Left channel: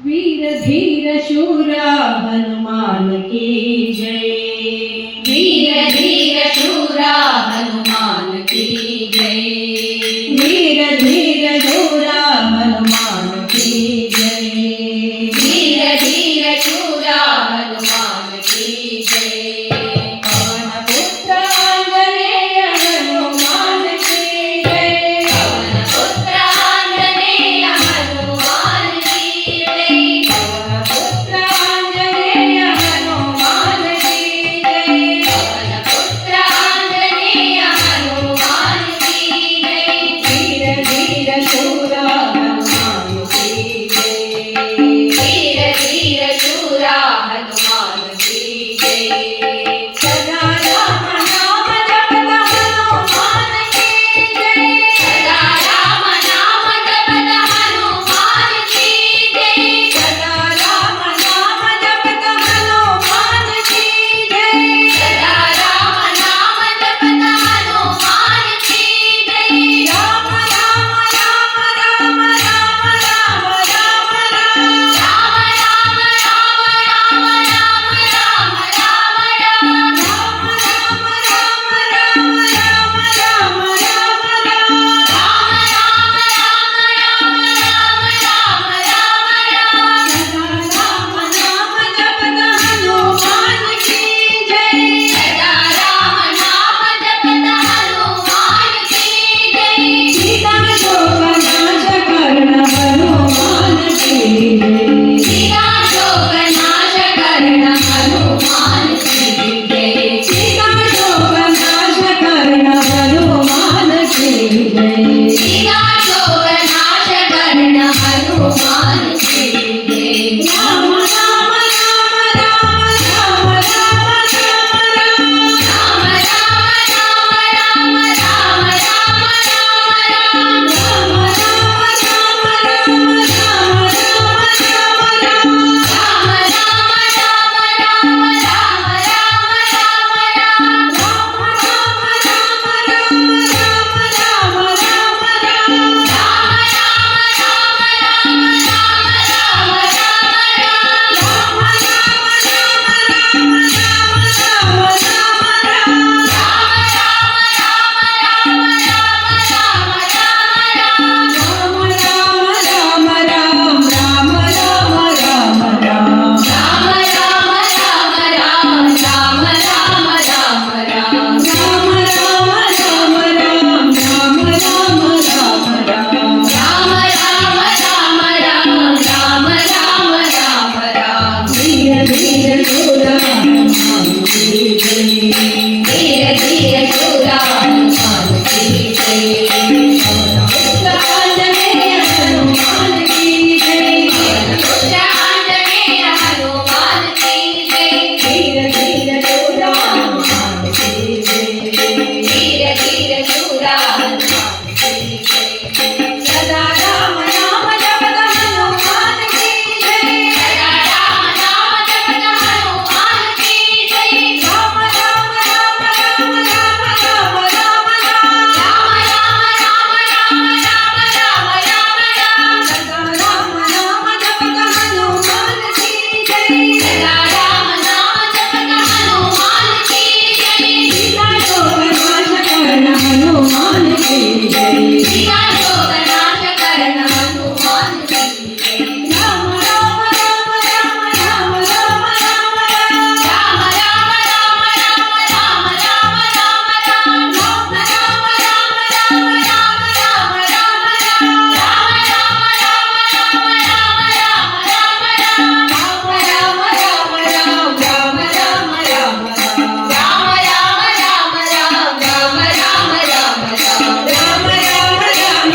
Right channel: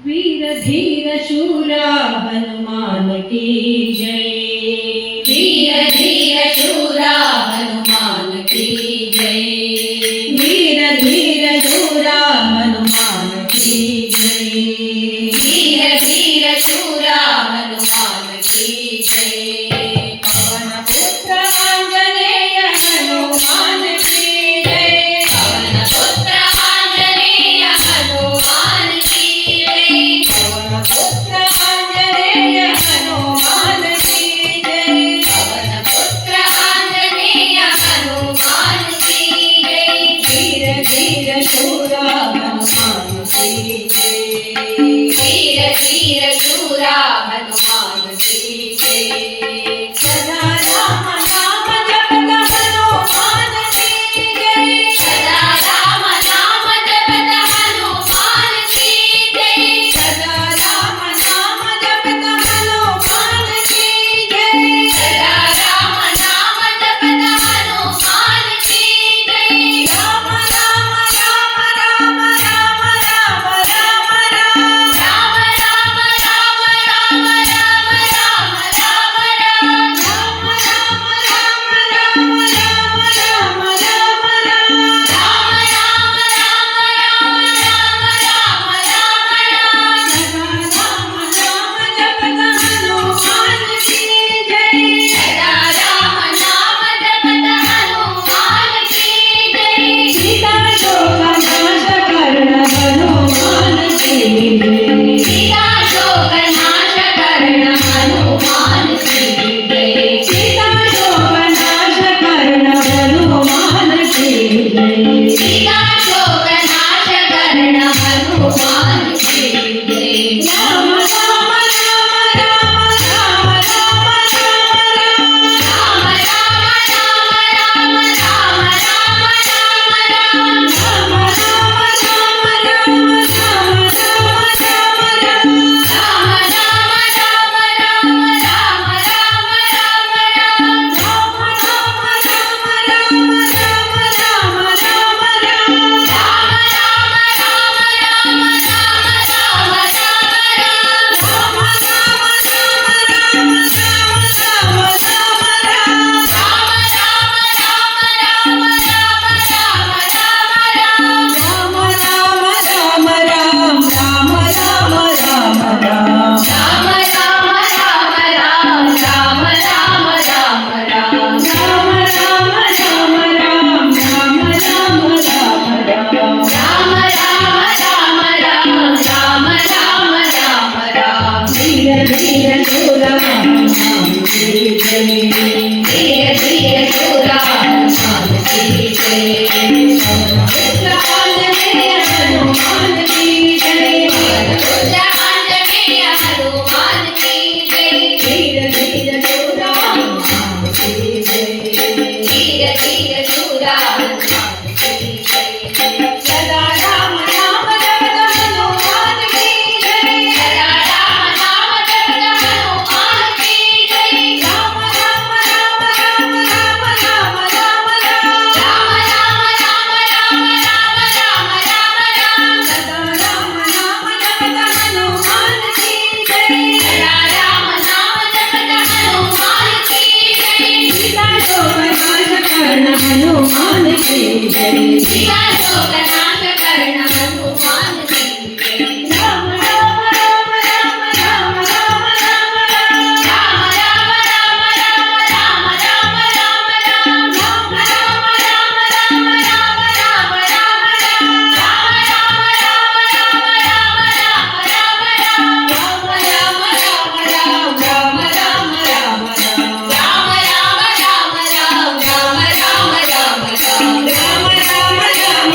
वीर धीर शूरा हनुमान की जय। वीर धीर शूरा हनुमान की जय। वीर धीर शूरा हनुमान की जय। वीर धीर शूरा हनुमान की जय। पवन पुत्र आंजनेय हनुमान की जय। पवन पुत्र आंजनेय हनुमान की जय। पवन पुत्र आंजनेय हनुमान की जय। पवन पुत्र आंजनेय हनुमान की जय। वीर धीर शूरा हनुमान की जय। वीर धीर शूरा हनुमान की जय। सदा राम नाम जपत हनुमान की जय। सदा राम नाम जपत हनुमान की जय। सदा राम नाम जपत हनुमान की जय। सदा राम नाम जपत हनुमान की जय। राम राम राम राम राम राम राम राम। राम राम राम राम राम राम राम राम। राम राम राम राम राम राम राम राम। राम राम राम राम राम राम राम। सदा राम नाम जपत हनुमान की जय। सदा राम नाम जपत हनुमान की जय। सीता शोक नाश करण हनुमान की जय। सीता शोक नाश करण हनुमान की जय। सीता शोक नाश करण हनुमान की जय। सीता शोक नाश करण हनुमान की जय। राम राम राम राम राम राम राम राम। राम राम राम राम राम राम राम राम। राम राम राम राम राम राम राम राम। राम राम राम राम राम राम राम राम। धीरे धीरे शूरा हनुमान की जय। पुत्र आंजनेय हनुमान की जय। पुत्र आंजनेय हनुमान की जय। धीरे धीरे शूरा हनुमान की जय। धीरे धीरे शूरा हनुमान की जय। सदा राम नाम जपत हनुमान की जय। सदा राम नाम जपत हनुमान की जय। राम राम राम राम राम राम राम राम। राम राम राम राम राम राम राम राम। सदा राम नाम जपत हनुमान की जय। सदा राम नाम जपत हनुमान की जय। सीता शोक नाश करण हनुमान की जय। सीता शोक नाश करण हनुमान की जय। राम राम राम राम राम राम राम राम। राम राम राम राम राम राम राम राम। राम राम राम राम राम राम राम राम। राम राम राम राम राम राम राम राम। राम राम राम राम राम राम राम राम। राम राम राम राम राम राम राम राम। राम राम राम